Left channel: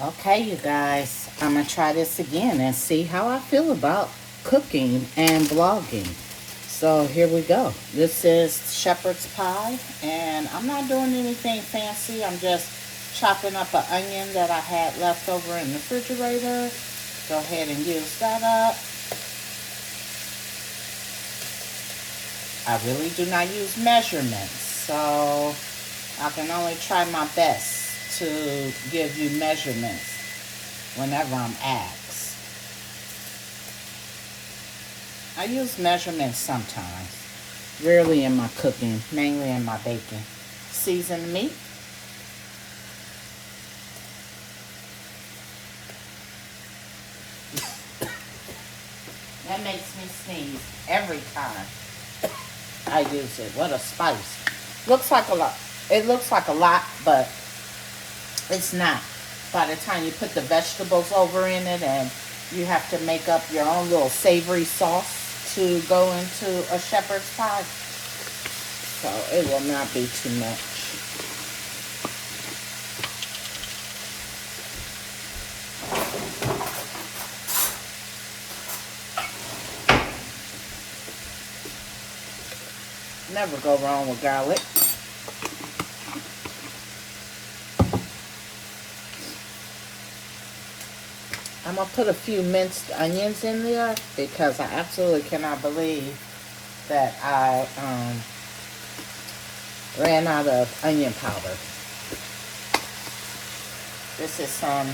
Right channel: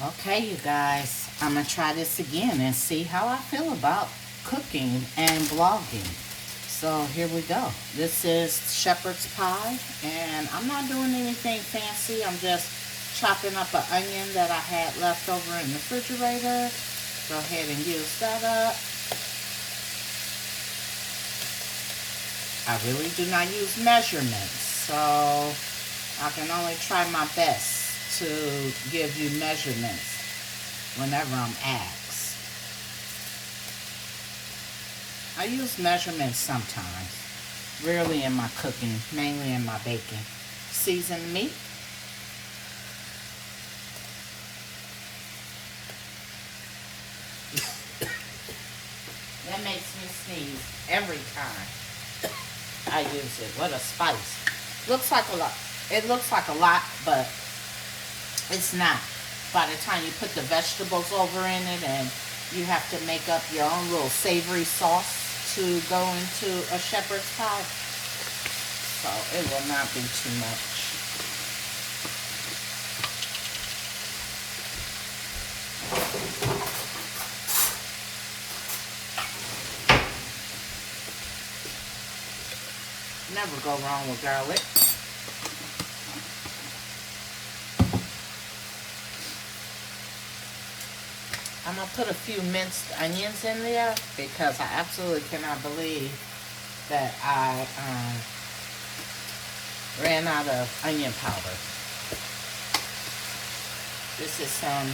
Okay, you guys, I'm going to try this again and see how I feel about cooking and vlogging. So here we go. This is shepherd's pie, and I'm not doing anything fancy. I'm just chopping up an onion that I had left over in the refrigerator. Go ahead and use that up. I really do not use measurements, so I can only try my best to give you measurements whenever I'm asked. I use measurements sometimes, rarely in my cooking, mainly in my baking. Seasoned meat. That makes me sneeze every time I use it. What a spice. Looks like a lot. It looks like a lot, but it's not. By the time you put the vegetables over in it and you have to make up your own little savory sauce to go into a shepherd's pie. So it will not be too much. Never go wrong with garlic. I'm going to put a few minced onions in there because I absolutely cannot believe that I ran out of onion powder. This is some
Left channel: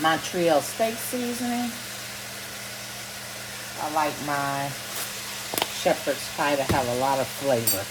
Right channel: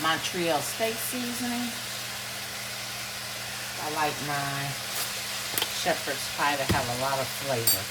Montreal steak seasoning. I like my shepherd's pie to have a lot of flavor.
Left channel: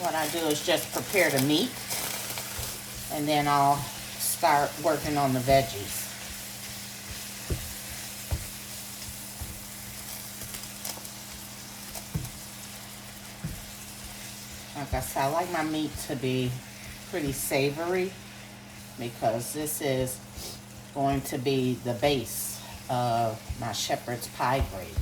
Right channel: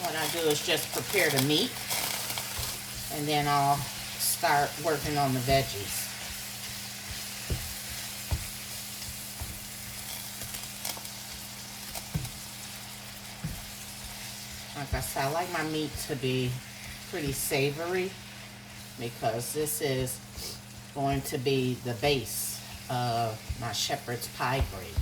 What I do is just prepare the meat, and then I'll start working on the veggies. Like I said, I like my meat to be pretty savory because this is going to be the base of my shepherd's pie gravy.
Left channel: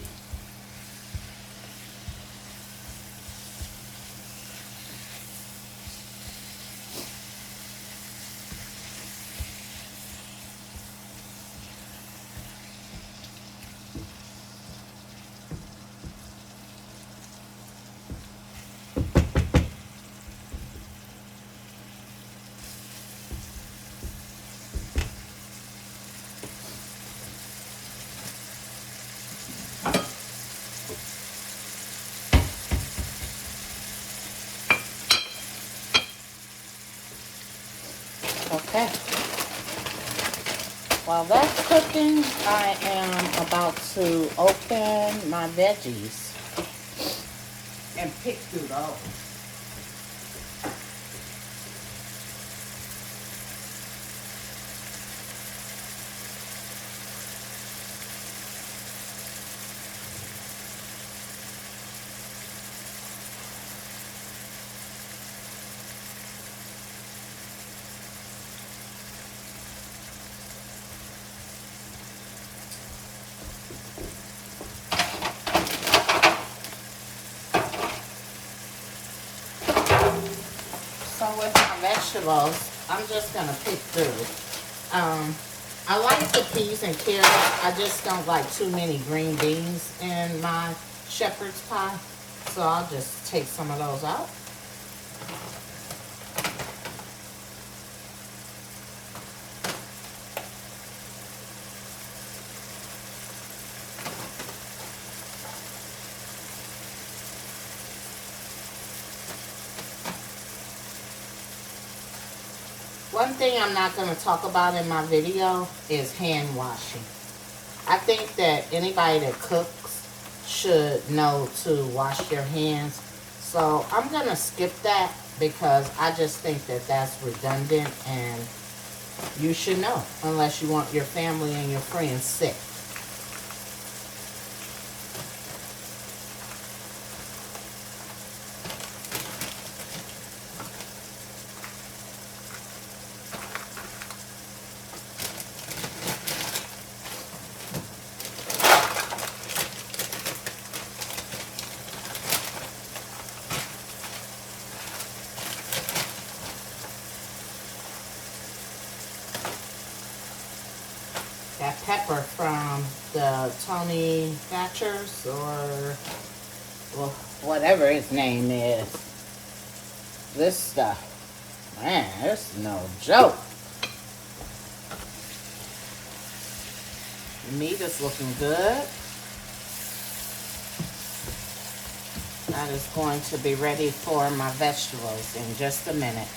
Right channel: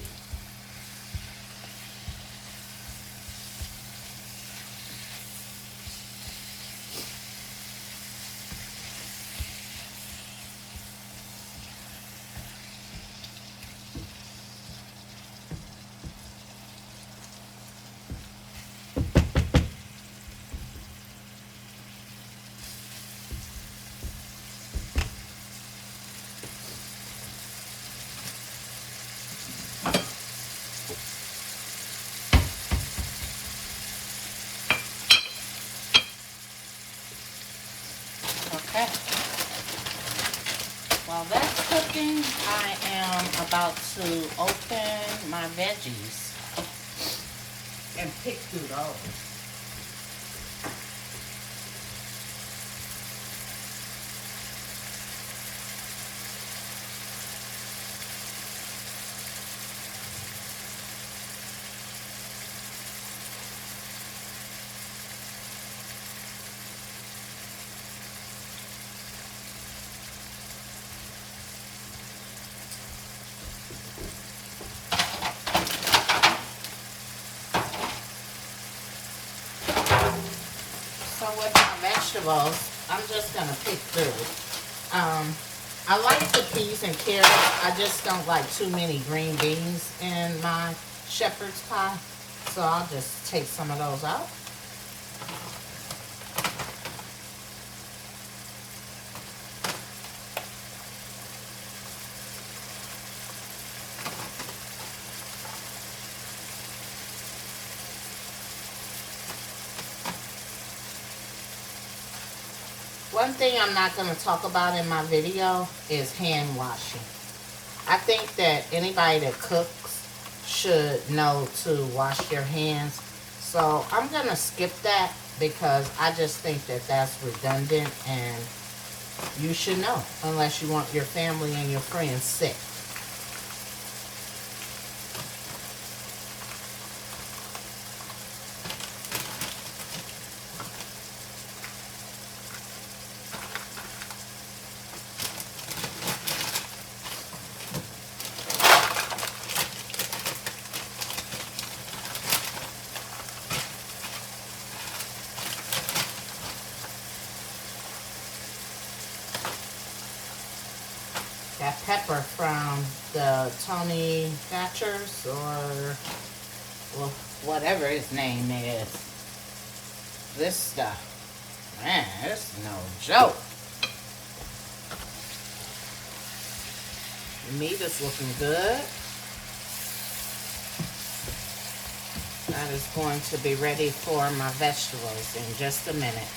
Okay. While that's cooking, I am about to open my veggies and pick through those. So with my vegetables, I'm just gonna pick through. I like the peas and carrots. I just don't like too many green beans in my shepherd's pie. So I'll just take some of those out. One thing I'm not going to talk about in my video is hand washing. I think that anybody that cooks should know to wash their hands. So I'm going to skip that because I just think that that's redundant and you should know unless you want your family and your friends sick. Tony Thatcher's or well, whatever his name is. This stuff, man, it's no joke. The meat is looking good. That is going to be ready for my vegetables in just a minute.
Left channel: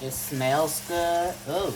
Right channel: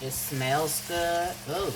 It smells good. Ooh.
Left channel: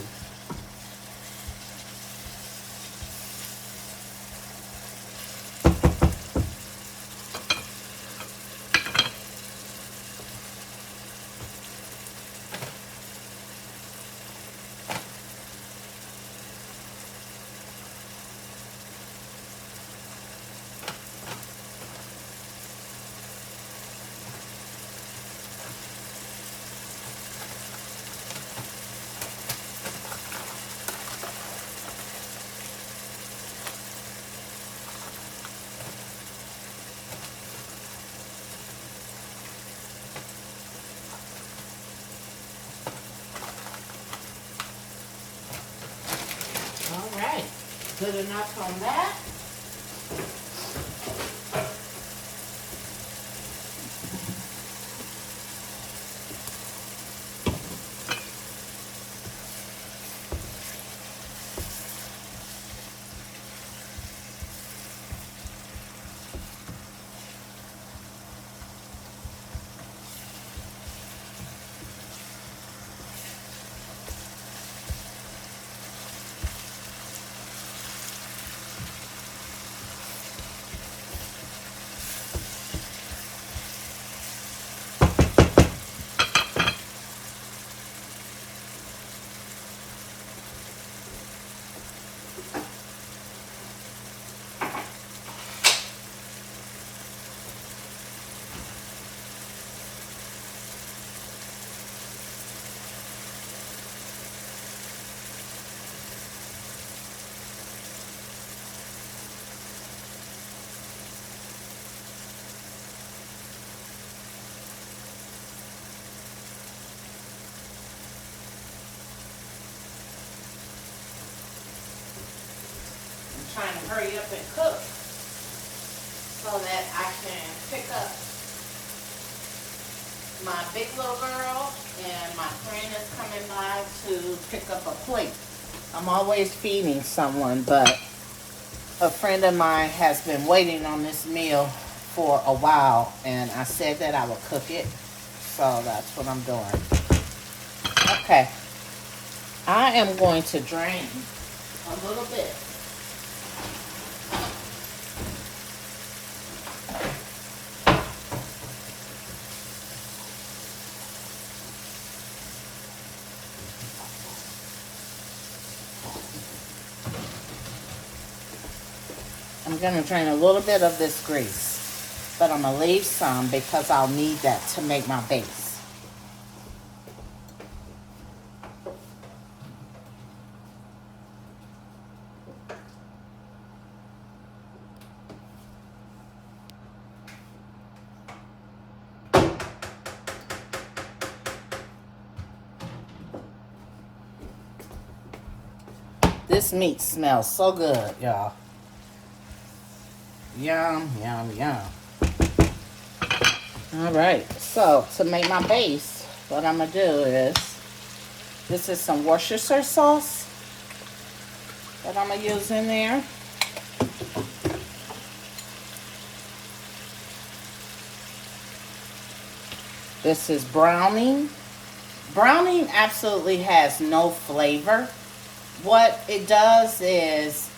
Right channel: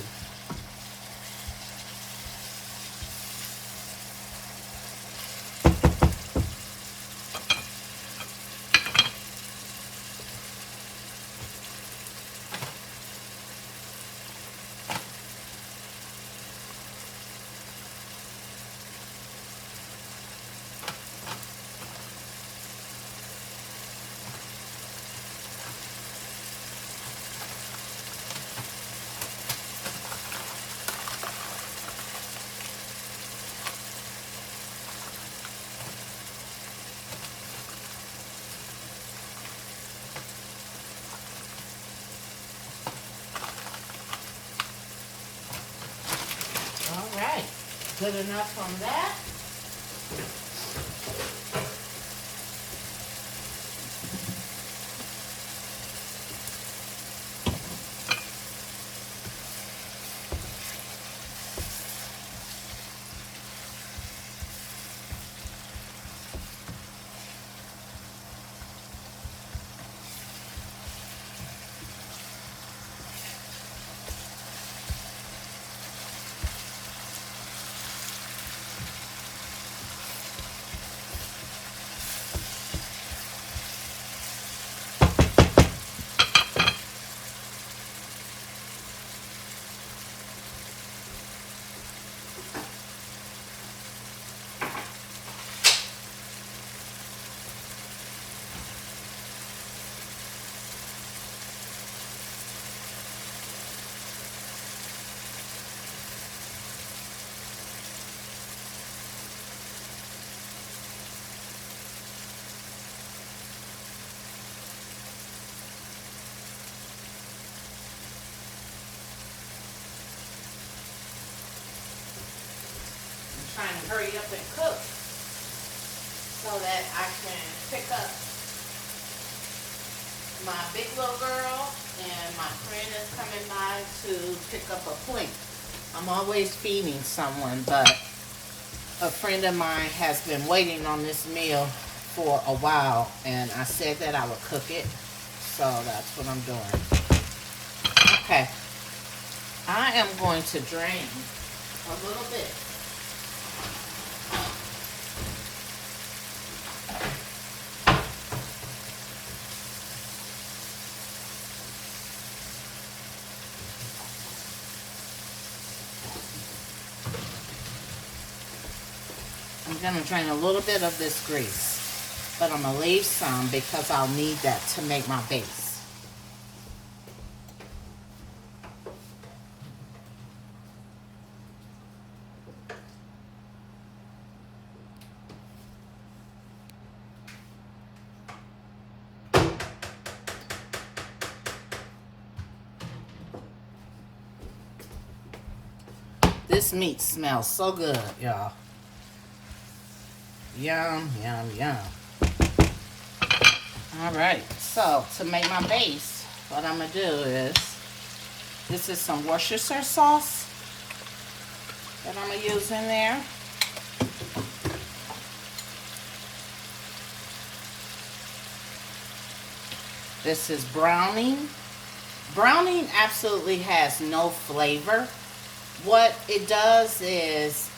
All right, good enough on that. Trying to hurry up and cook so that I can pick up my big little girl and my friend is coming by to pick up a plate. I'm always feeding someone, but a friend of mine has been waiting on this meal for a while, and I said that I would cook it, so that's what I'm doing. Okay, I am going to drain a little bit. I'm going to drain a little bit of this grease, but I'm going to leave some because I'll need that to make my base. This meat smells so good, y'all. Yum, yum, yum. All right, so to make my base, what I'm gonna do is, this is some Worcestershire sauce that I'm gonna use in there. This is browning. Browning absolutely has no flavor. What it does is,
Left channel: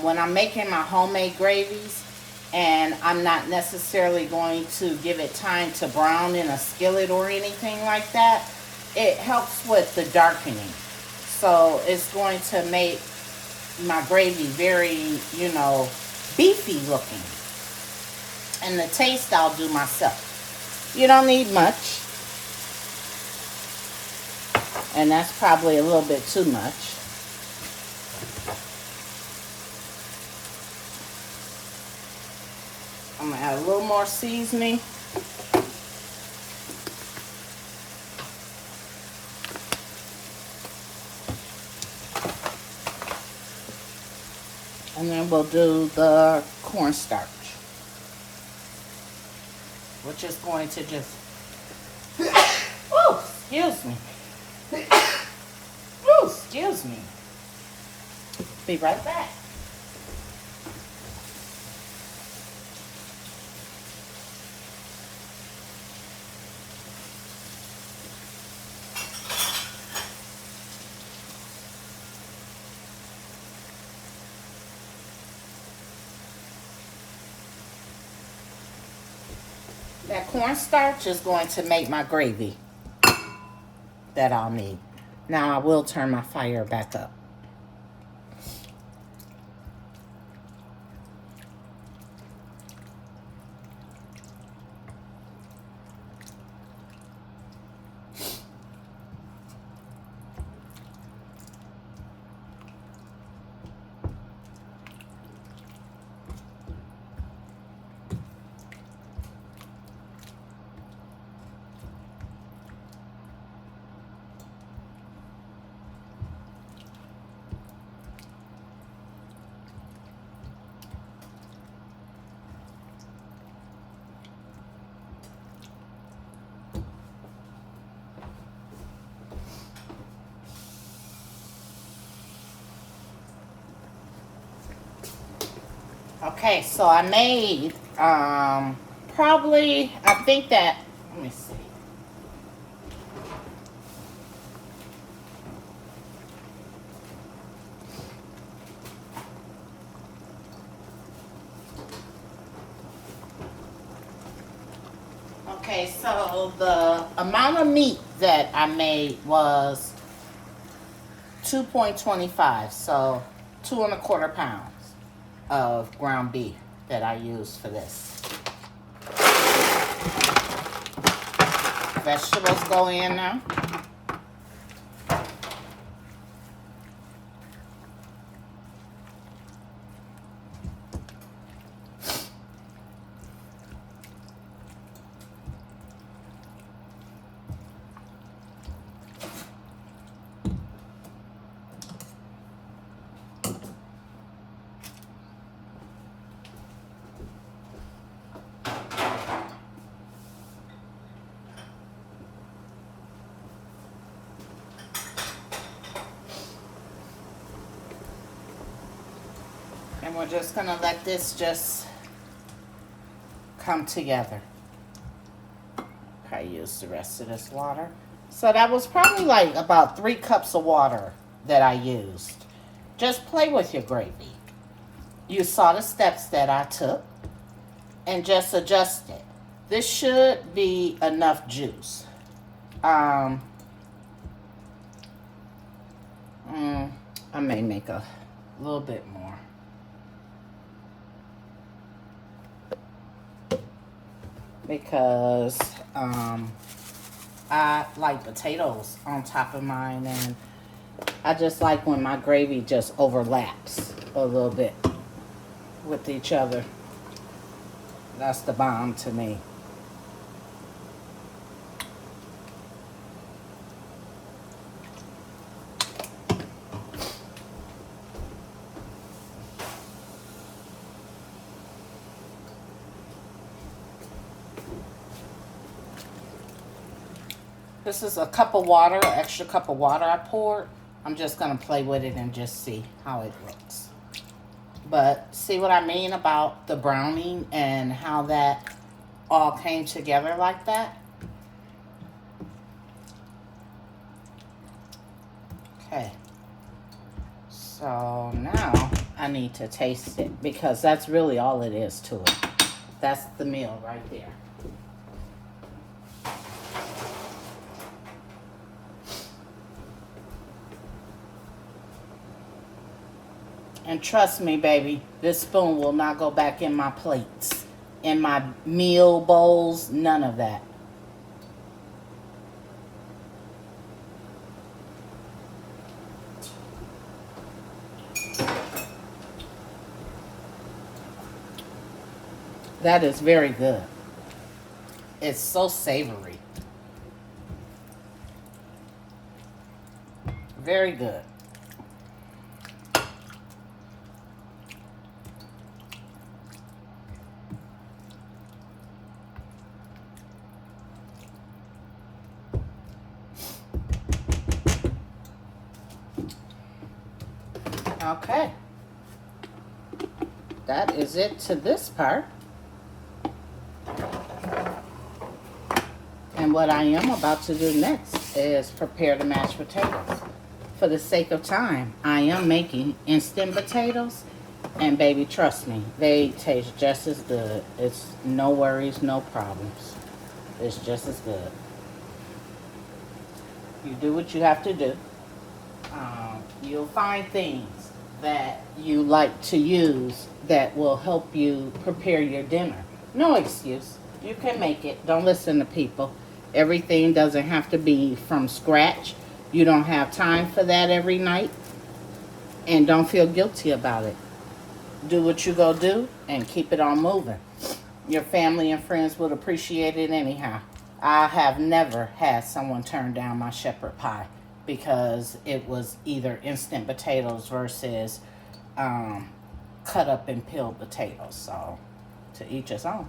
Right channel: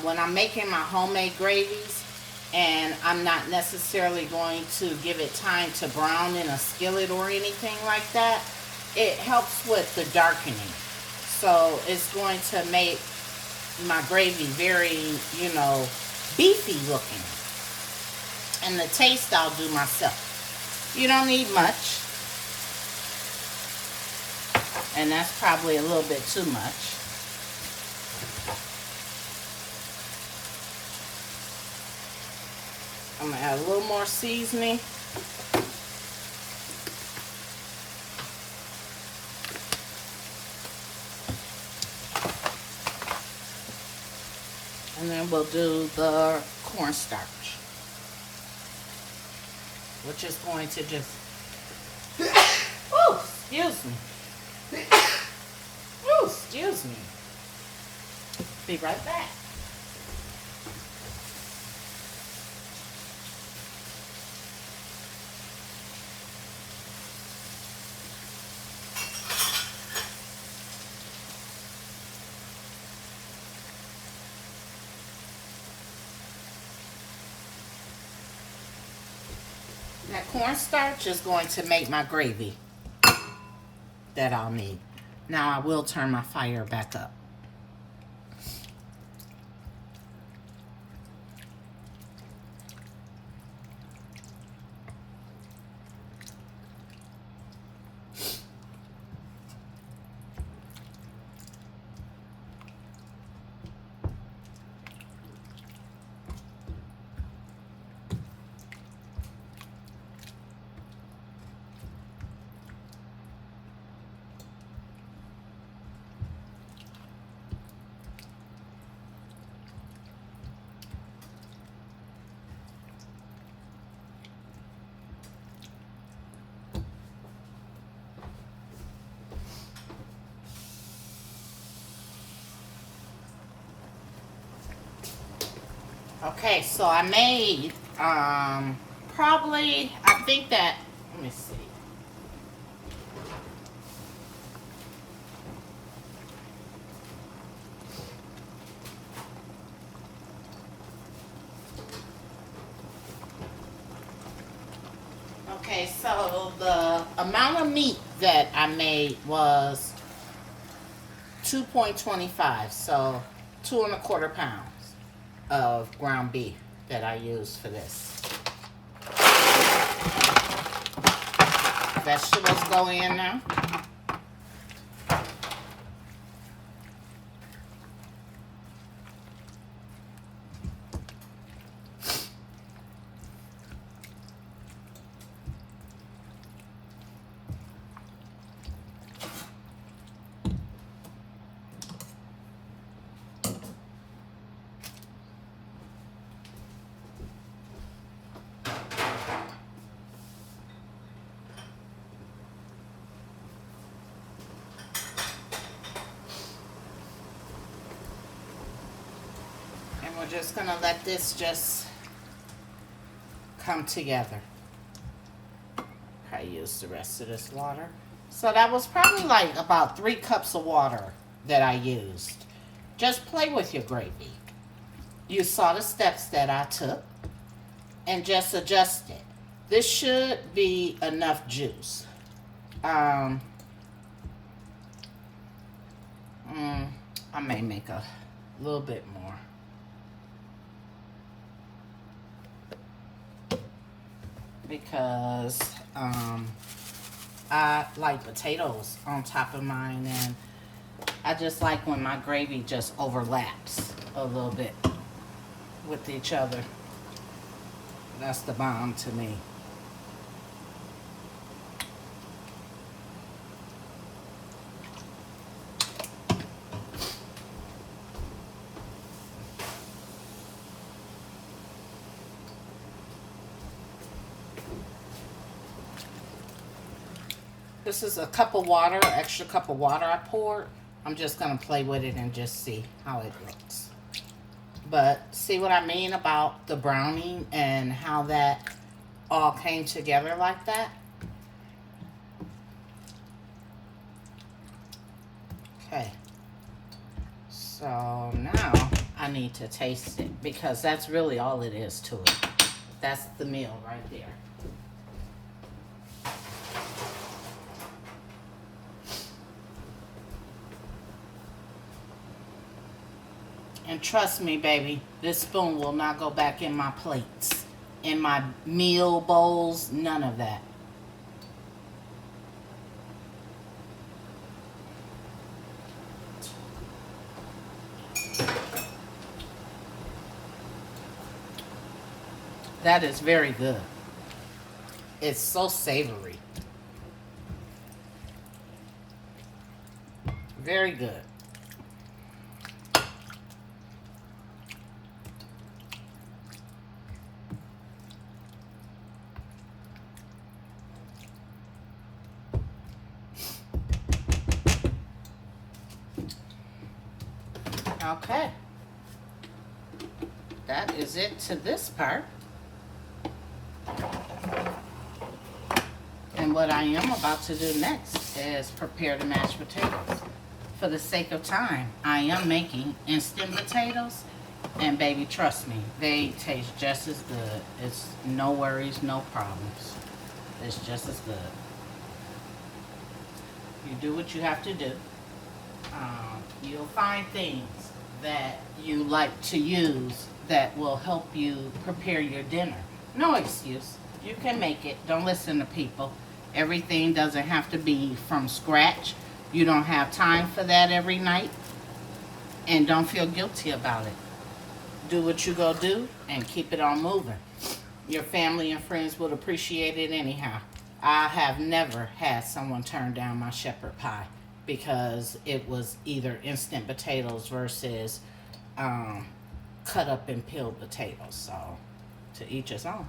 when I'm making my homemade gravies and I'm not necessarily going to give it time to brown in a skillet or anything like that, it helps with the darkening. So it's going to make my gravy very, you know, beefy looking. And the taste I'll do myself. You don't need much. And that's probably a little bit too much. I'm gonna add a little more seasoning. And then we'll do the cornstarch, which is going to just, oh, excuse me. Oh, excuse me. Be right back. That cornstarch is going to make my gravy that I'll need. Now I will turn my fire back up. Okay, so I made probably, I think that, let me see. Okay, so the amount of meat that I made was 2.25, so 2¼ pounds of ground beef that I used for this. Vegetables go in now. And we're just gonna let this just come together. I used the rest of this water. So that was probably like about 3 cups of water that I used. Just play with your gravy. You saw the steps that I took and just adjust it. This should be enough juice. I may make a little bit more. Because I like potatoes on top of mine, and I just like when my gravy just overlaps a little bit with each other. That's the bomb to me. This is a cup of water, extra cup of water I poured. I'm just going to play with it and just see how it looks. But see what I mean about the browning and how that all came together like that? Okay. So now I need to taste it because that's really all it is to it. That's the meal right there. And trust me, baby, this spoon will not go back in my plates, in my meal bowls, none of that. That is very good. It's so savory. Very good. Okay. That is it to this part. And what I am about to do next is prepare the mashed potatoes. For the sake of time, I am making instant potatoes. And baby, trust me, they taste just as good. It's no worries, no problems. It's just as good. You do what you have to do. You'll find things that you like to use that will help you prepare your dinner. No excuse. You can make it. Don't listen to people. Everything doesn't have to be from scratch. You don't have time for that every night. And don't feel guilty about it. Do what you go do and keep it on moving. Your family and friends would appreciate it anyhow. I have never had someone turn down my shepherd pie because it was either instant potatoes versus cut up and peeled potatoes. So, to each his own.